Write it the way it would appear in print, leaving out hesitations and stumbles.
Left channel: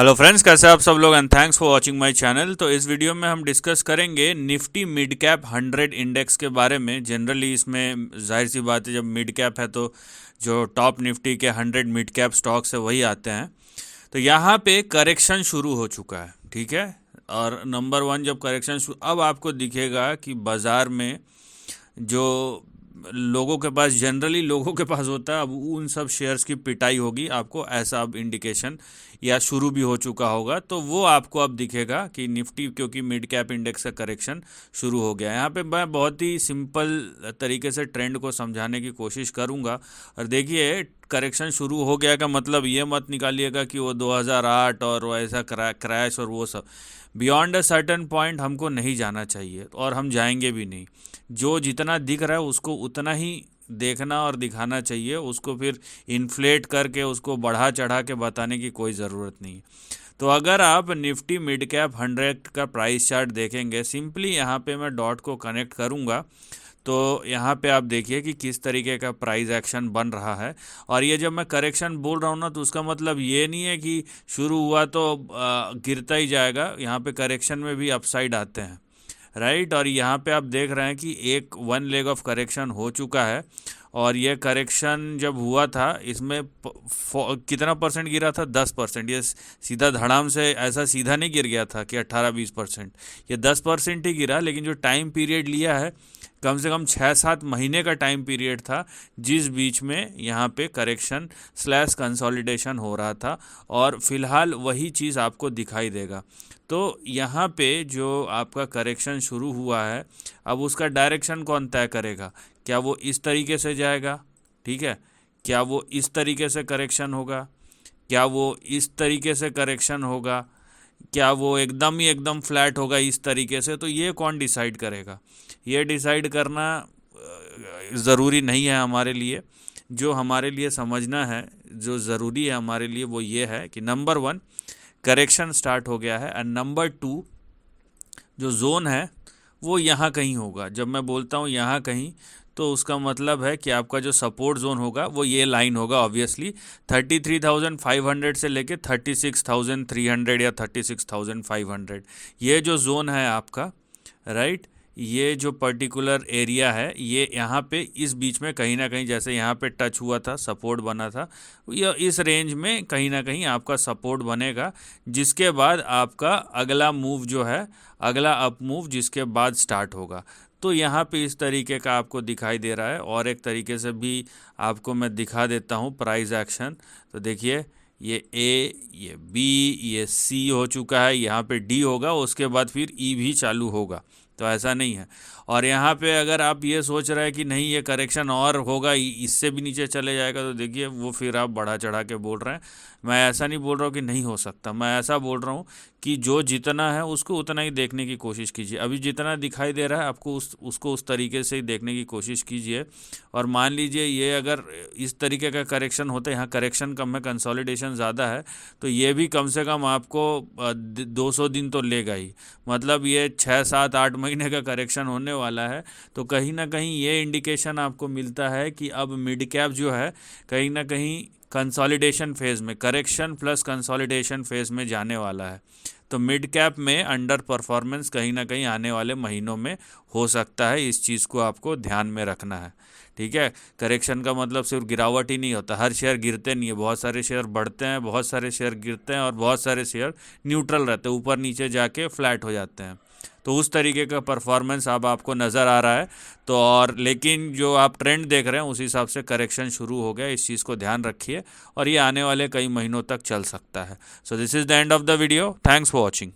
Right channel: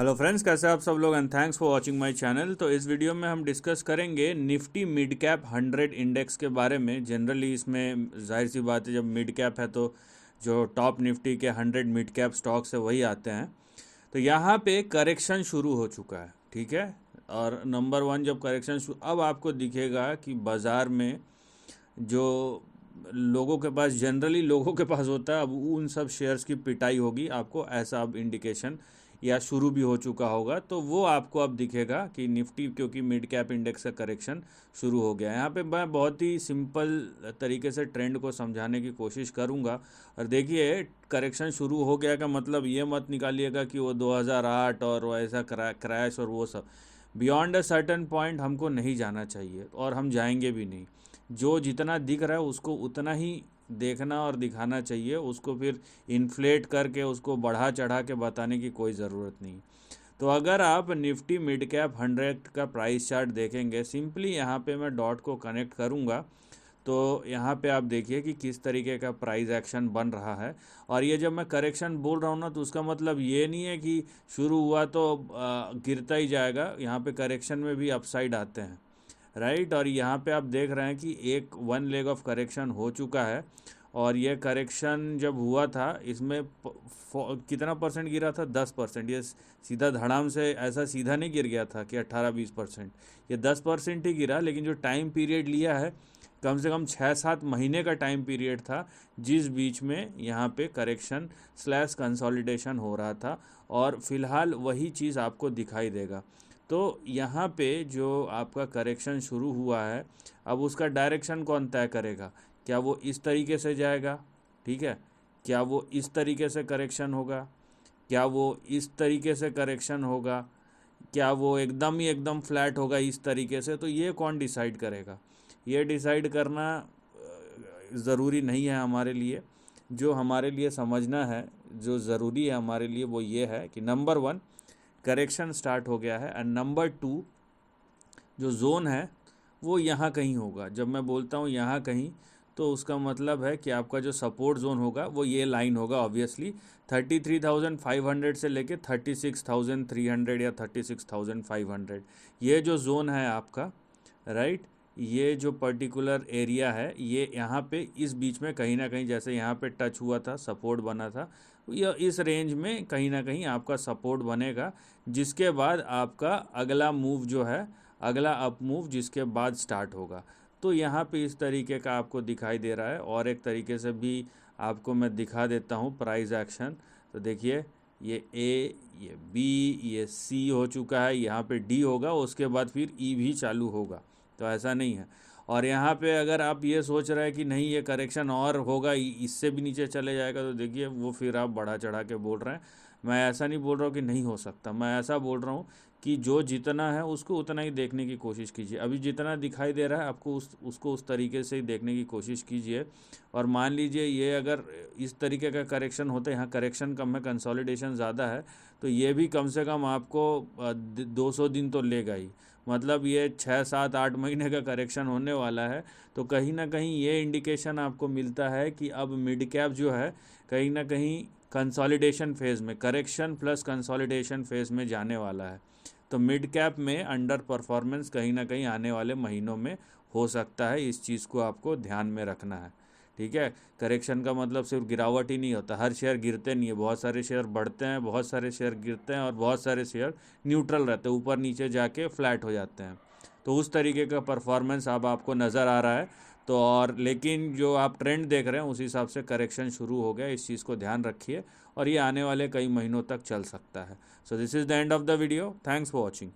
Hello friends, कैसे आप सब लोग and thanks for watching my channel. तो इस वीडियो में हम डिस्कस करेंगे निफ्टी मिड कैप 100 इंडेक्स के बारे में। जनरली इसमें जाहिर सी बात है, जब मिड कैप है तो जो टॉप निफ्टी के 100 मिड कैप स्टॉक्स है वही आते हैं। तो यहाँ पे करेक्शन शुरू हो चुका है, ठीक है। और नंबर वन, जब करेक्शन अब आपको दिखेगा कि बाज़ार में जो लोगों के पास जनरली लोगों के पास होता है, अब उन सब शेयर्स की पिटाई होगी। आपको ऐसा अब इंडिकेशन या शुरू भी हो चुका होगा, तो वो आपको अब दिखेगा कि निफ्टी, क्योंकि मिड कैप इंडेक्स का करेक्शन शुरू हो गया है। यहाँ पे मैं बहुत ही सिंपल तरीके से ट्रेंड को समझाने की कोशिश करूँगा। और देखिए, करेक्शन शुरू हो गया का मतलब ये मत निकालिएगा कि वो 2008 और वो ऐसा क्रैश और वो सब। बियॉन्ड अ सर्टन पॉइंट हमको नहीं जाना चाहिए और हम जाएंगे भी नहीं। जो जितना दिख रहा है उसको उतना ही देखना और दिखाना चाहिए। उसको फिर इन्फ्लेट करके उसको बढ़ा चढ़ा के बताने की कोई ज़रूरत नहीं। तो अगर आप निफ्टी मिड कैप 100 का प्राइस चार्ट देखेंगे, सिंपली यहाँ पे मैं डॉट को कनेक्ट करूँगा तो यहाँ पे आप देखिए कि किस तरीके का प्राइस एक्शन बन रहा है। और ये जब मैं करेक्शन बोल रहा हूँ ना, तो उसका मतलब ये नहीं है कि शुरू हुआ तो गिरता ही जाएगा। यहाँ पे करेक्शन में भी अपसाइड आते हैं, राइट। और यहाँ पे आप देख रहे हैं कि एक वन लेग ऑफ करेक्शन हो चुका है। और ये करेक्शन जब हुआ था, इसमें कितना परसेंट गिरा था? 10%। ये सीधा धड़ाम से ऐसा सीधा नहीं गिर गया था कि 18-20%। ये 10% ही गिरा, लेकिन जो टाइम पीरियड लिया है, कम से कम 6-7 महीने का टाइम पीरियड था, जिस बीच में यहाँ पे करेक्शन स्लैश कंसोलिडेशन हो रहा था। और फिलहाल वही चीज़ आपको दिखाई देगा। तो यहाँ पे जो आपका करेक्शन शुरू हुआ है, अब उसका डायरेक्शन कौन तय करेगा? क्या वो इस तरीके से जाएगा, ठीक है? क्या वो इस तरीके से करेक्शन होगा? क्या वो इस तरीके से करेक्शन होगा? क्या वो एकदम फ्लैट होगा इस तरीके से? तो ये कौन डिसाइड करेगा? ये डिसाइड करना ज़रूरी नहीं है हमारे लिए। जो हमारे लिए समझना है, जो ज़रूरी है हमारे लिए, वो ये है कि नंबर वन, करेक्शन स्टार्ट हो गया है। एंड नंबर टू, जो जोन है वो यहाँ कहीं होगा। जब मैं बोलता हूँ यहाँ कहीं, तो उसका मतलब है कि आपका जो सपोर्ट जोन होगा वो ये लाइन होगा। ऑब्वियसली 33,500 से लेके 36,300 या 36,500, ये जो जोन है आपका, राइट, ये जो पर्टिकुलर एरिया है, ये यहाँ पे इस बीच में कहीं ना कहीं, जैसे यहाँ पे टच हुआ था, सपोर्ट बना था, या इस रेंज में कहीं ना कहीं आपका सपोर्ट बनेगा। जिसके बाद आपका अगला मूव जो है, अगला अप मूव जिसके बाद स्टार्ट होगा। तो यहाँ पे इस तरीके का आपको दिखाई दे रहा है। और एक तरीके से भी आपको मैं दिखा देता हूँ प्राइस एक्शन। तो देखिए, ये ए, ये बी, ये सी हो चुका है, यहाँ पे डी होगा, उसके बाद फिर ई भी चालू होगा। तो ऐसा नहीं है। और यहाँ पे अगर आप ये सोच रहे हैं कि नहीं ये करेक्शन और होगा, इससे भी नीचे चले जाएगा, तो देखिए वो फिर आप बढ़ा चढ़ा के बोल रहे हैं। मैं ऐसा नहीं बोल रहा हूँ कि नहीं हो सकता, मैं ऐसा बोल रहा हूँ कि जो जितना है उसको उतना ही देखने की कोशिश कीजिए। अभी जितना दिखाई दे रहा है आपको, उसको उस तरीके से ही देखने की कोशिश कीजिए। और मान लीजिए ये अगर इस तरीके का करेक्शन होता है, यहाँ करेक्शन कम है, कंसोलिडेशन ज़्यादा है, तो ये भी कम से कम आपको 200 दिन तो लेगा ही। मतलब ये 6-7-8 महीने का करेक्शन होने वाला है। तो कहीं ना कहीं ये इंडिकेशन आपको मिलता है कि अब मिड कैप जो है कहीं ना कहीं कंसोलिडेशन फेज़ में, करेक्शन प्लस कंसोलिडेशन फेज़ में जाने वाला है। तो मिड कैप में अंडर परफॉर्मेंस कहीं ना कहीं आने वाले महीनों में हो सकता है। इस चीज़ को आपको ध्यान में रखना है, ठीक है। करेक्शन का मतलब सिर्फ गिरावट ही नहीं होता, हर शेयर गिरते नहीं है। बहुत सारे शेयर बढ़ते हैं, बहुत सारे शेयर गिरते हैं, और बहुत सारे शेयर न्यूट्रल रहते हैं, ऊपर नीचे जाके फ्लैट हो जाते हैं। तो उस तरीके का परफॉर्मेंस अब आपको नज़र आ रहा है। तो और लेकिन जो आप ट्रेंड देख रहे हैं उस हिसाब से करेक्शन शुरू हो गया। इस चीज़ को ध्यान रखिए और ये आने वाले कई महीनों तक चल सकता है। So this is the end of the video. Thanks for watching.